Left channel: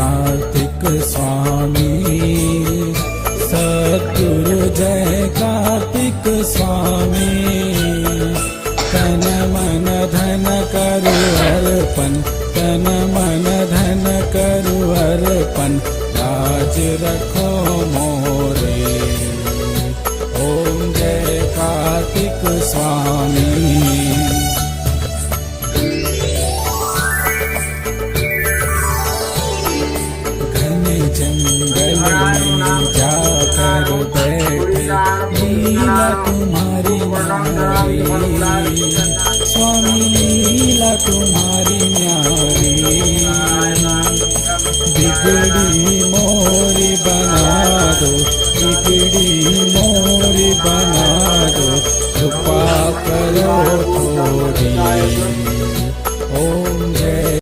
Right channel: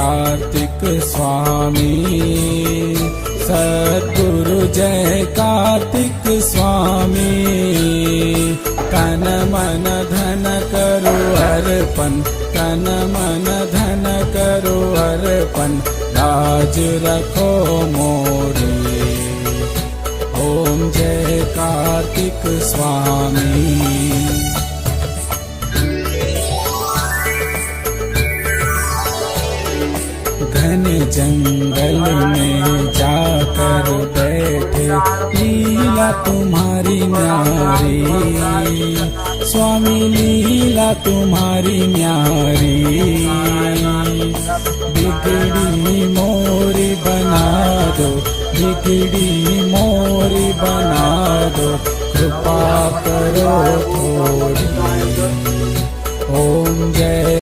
कार्तिक स्वामी। सद्गुरु जय कार्तिक स्वामी। तन मन धन करु अर्पण, तन मन धन करु अर्पण, लाज रखो मोरे। ओम जय कार्तिक स्वामी। जंगल में जाकर बैठे, लीला तुम्हारी न्यारी। स्वामी लीला तुम्हारी न्यारी। बिगड़ी मोरी बना दो, बिगड़ी मोरी बना दो, कृपा करो थोड़ी।